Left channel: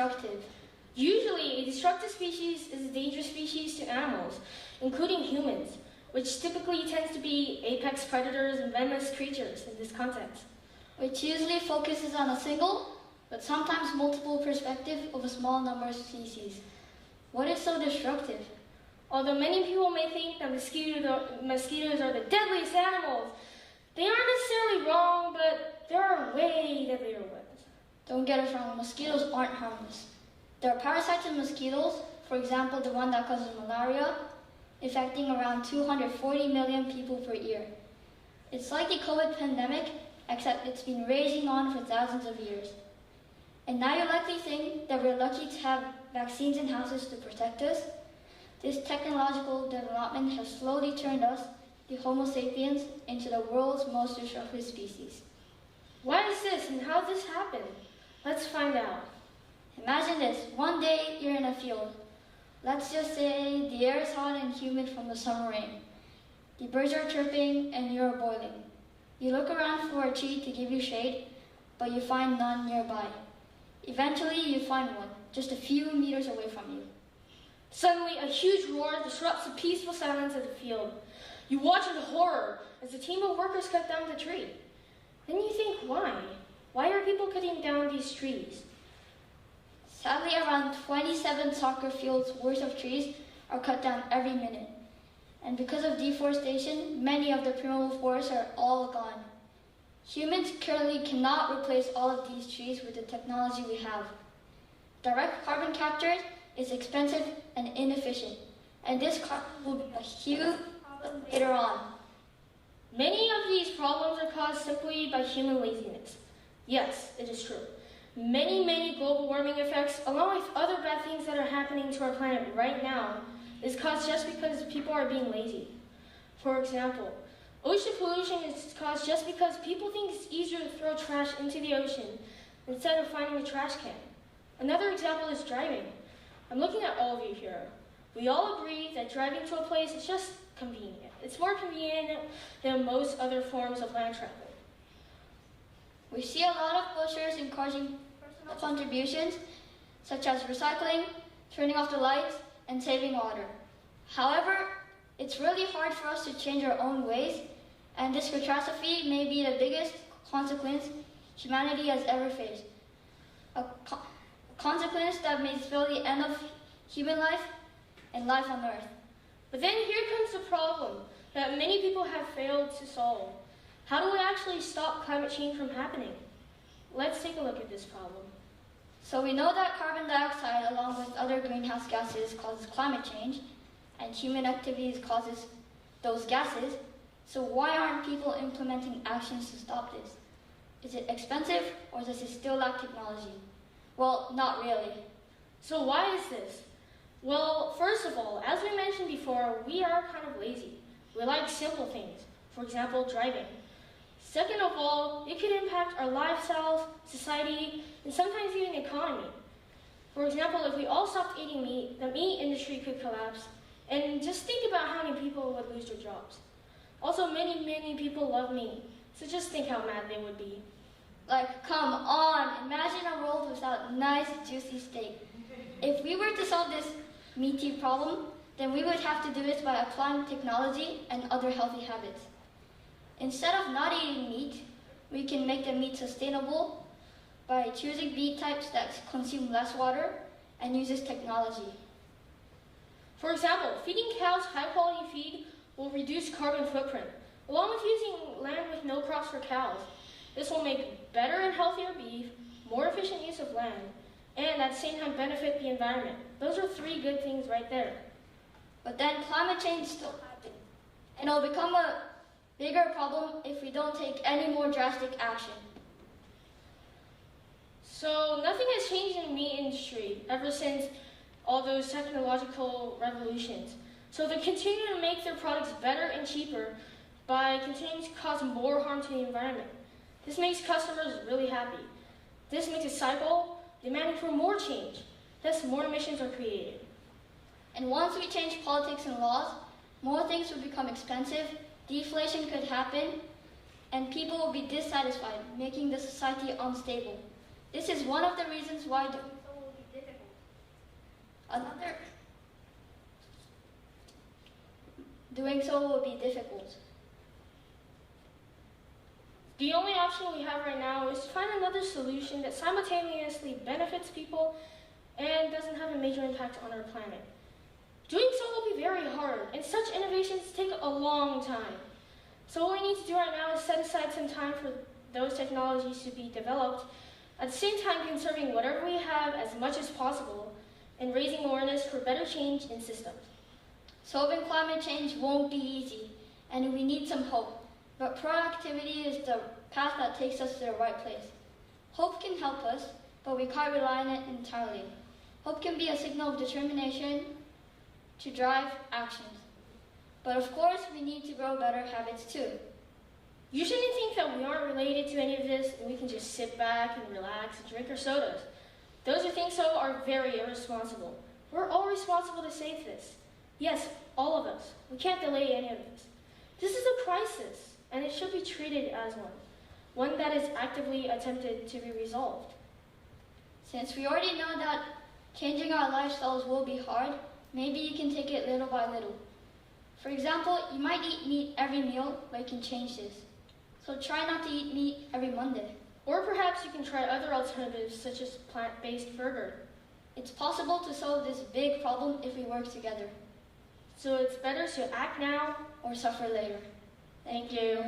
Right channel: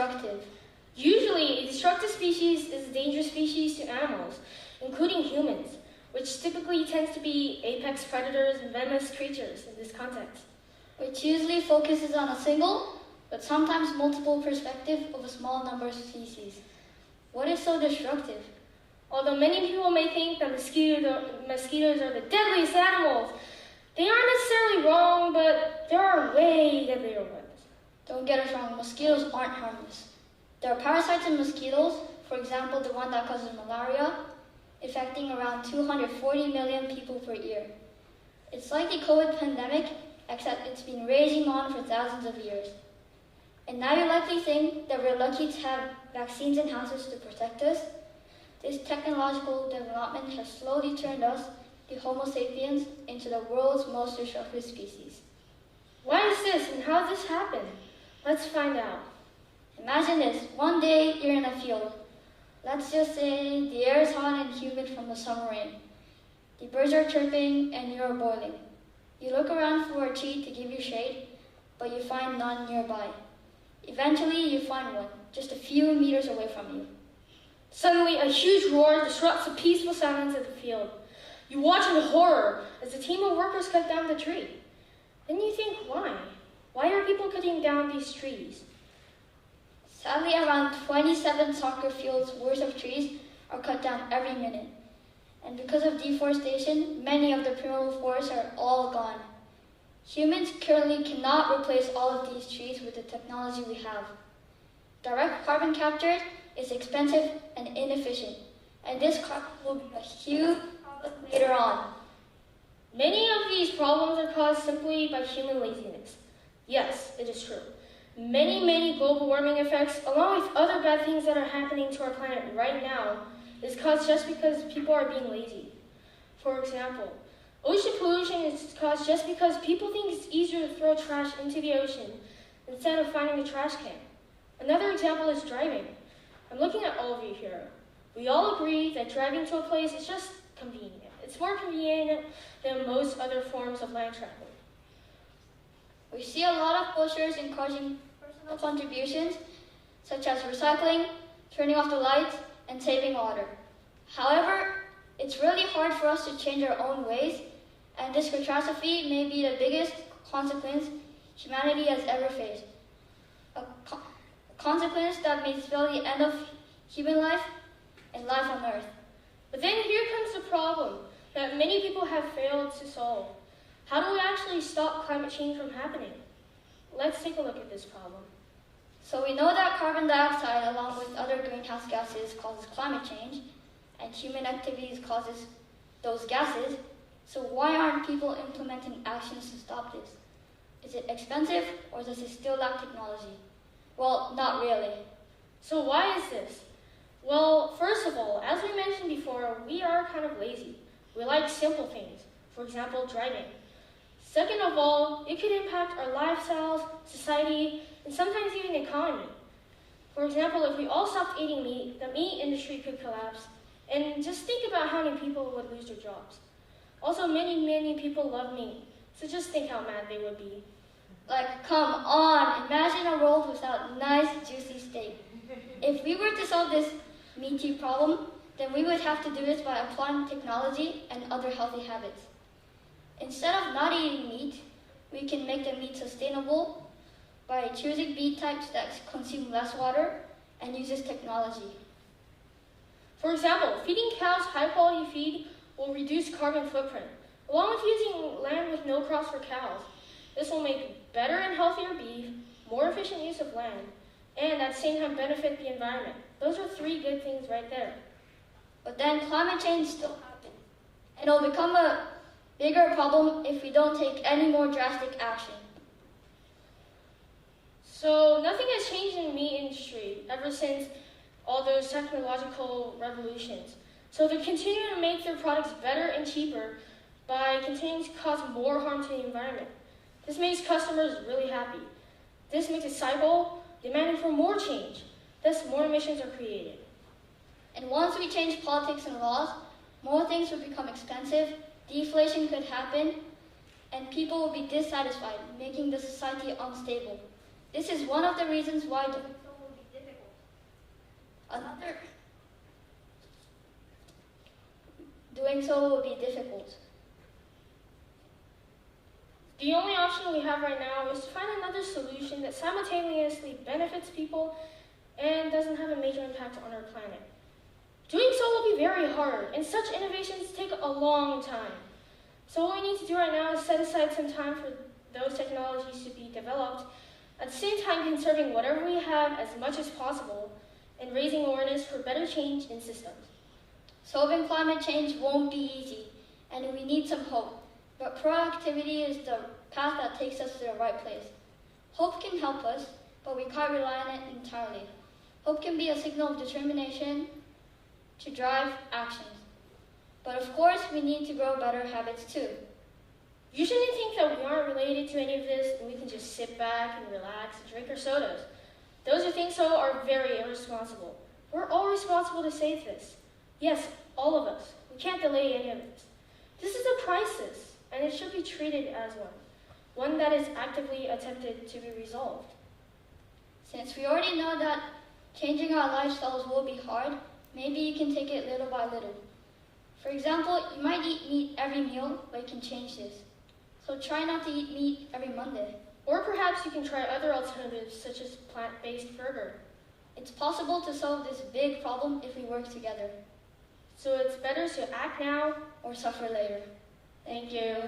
destructive? Usually, a destructive species is a dangerous species to animals, including humans, which typically tends to be apex predators and venomous creatures in this context. Which usually focuses on a single, but sometimes multiple perspective of a small number of species. What is so destructive? Although many people may think that mosquitoes are the deadliest animals, they aren't necessarily wrong, but there are way deadlier ones. Don't get us wrong, mosquitoes aren't harmless. There are parasites in mosquitoes, for example, the one that causes malaria, affecting around 240 million people per year. It's like the COVID pandemic, except it's been raging on for thousands of years. And now you likely think that we're lucky to have vaccines in houses to protect us. This technological development has slowly turned us, the Homo sapiens, into the world's most destructive species. Why is this and how did this happen? Let's find out. Imagine this, one day you're in a field. Let's just say the air is hot and humid from the summer rain. The birds are chirping and you're boiling. You look around for a tree to give you shade, but you find none nearby. Eventually you find one, just a few meters away from you. Suddenly, a huge roar disrupts the peaceful silence of the field. You watch in horror as a team of workers cut down the tree. Then you think, why? Why are people cutting down these trees? Sadly, around 27 soccer fields worth of trees are cut down every minute. And because of deforestation, many of the primeval forests are all gone. Humans currently cannot replace all of these trees with the technology we have. Direct carbon capture is expensive and inefficient, and this carbon will be a huge problem later on. Many of these problems are caused simply by human laziness. Yes, it is true. Many global warming effects, along with other bad things that are happening to our planet right now, is caused just because people are being lazy. For example, ocean pollution is caused just because people think it's easier to throw trash into the ocean instead of finding a trash can. Another example is driving. I'm looking at all of you here. We all agree that driving to a place is just convenient. It's more convenient than most other forms of land travel. We see a lot of posters encouraging personal contributions, such as recycling, turning off the lights, and saving water. However, it's really hard for us to change our own ways, and this catastrophe may be the biggest consequence humanity has ever faced. A consequence that may spell the end of human life and life on Earth. But then here comes the problem that many people have failed to solve. How do we actually stop climate change from happening? Let's take a look at this problem. So we know that carbon dioxide, along with other greenhouse gases, causes climate change, and human activities causes those gases. So why aren't people implementing actions to stop this? Is it expensive, or does it still lack technology? Well, not really. So why is this? Well, first of all, as we mentioned before, we are kind of lazy. We like simple things, for example, driving. Second of all, it could impact our lifestyles, society, and sometimes even the economy. For example, if we all stopped eating meat, the meat industry could collapse. And just think about how many people would lose their jobs. Also, many people love meat, so just think how mad they would be. Like, come on, imagine a world without nice, juicy steak. If we were to solve this meaty problem, then we would have to do this by applying technology and other healthy habits. Instead of not eating meat, we can make the meat sustainable by choosing meat types that consume less water and uses technology. For example, feeding cows high-quality feed will reduce carbon footprint, along with using land with no crops for cows. This will make better and healthier beef, more efficient use of land, and at the same time benefit the environment. Those are 3 good things right there. But then climate change still happens, and it'll become a bigger problem if we don't take any more drastic action. So nothing has changed in the meat industry ever since all those technological revolutions. So they're continuing to make their products better and cheaper by continuing to cause more harm to the environment. This makes customers really happy. This makes a cycle demanding for more change. Thus, more emissions are created. And once we change politics and laws, more things will become expensive, deflation could happen, and people will be dissatisfied, making the society unstable. This is one of the reasons why doing so will be Doing so will be difficult. The only option we have right now is to find another solution that simultaneously benefits people and doesn't have a major impact on our planet. Doing so will be very hard, and such innovations take a long time. So what we need to do right now is set aside some time for those technologies to be developed, at the same time conserving whatever we have as much as possible and raising awareness for better change in systems. Solving climate change won't be easy, and we need some hope. But proactivity is the path that takes us to the right place. Hope can help us, but we can't rely on it entirely. Hope can be a signal of determination to drive actions. But of course, we need to grow better habits too. You shouldn't think that we aren't related to any of this and we can just sit back and relax and drink our sodas. Those who think so are very irresponsible. We're all responsible to save this. Yes, all of us. We can't delay any of this. This is a crisis, and it should be treated as one that is actively attempted to be resolved. Since we already know that changing our lifestyles will be hard, maybe you can take it little by little. For example, you might eat meat every meal, but you can change this. So try not to eat meat every Monday. Or perhaps you can try other alternatives such as plant-based burger. It's possible to solve this big problem if we work together. So it's better to act now or suffer later. Thank you.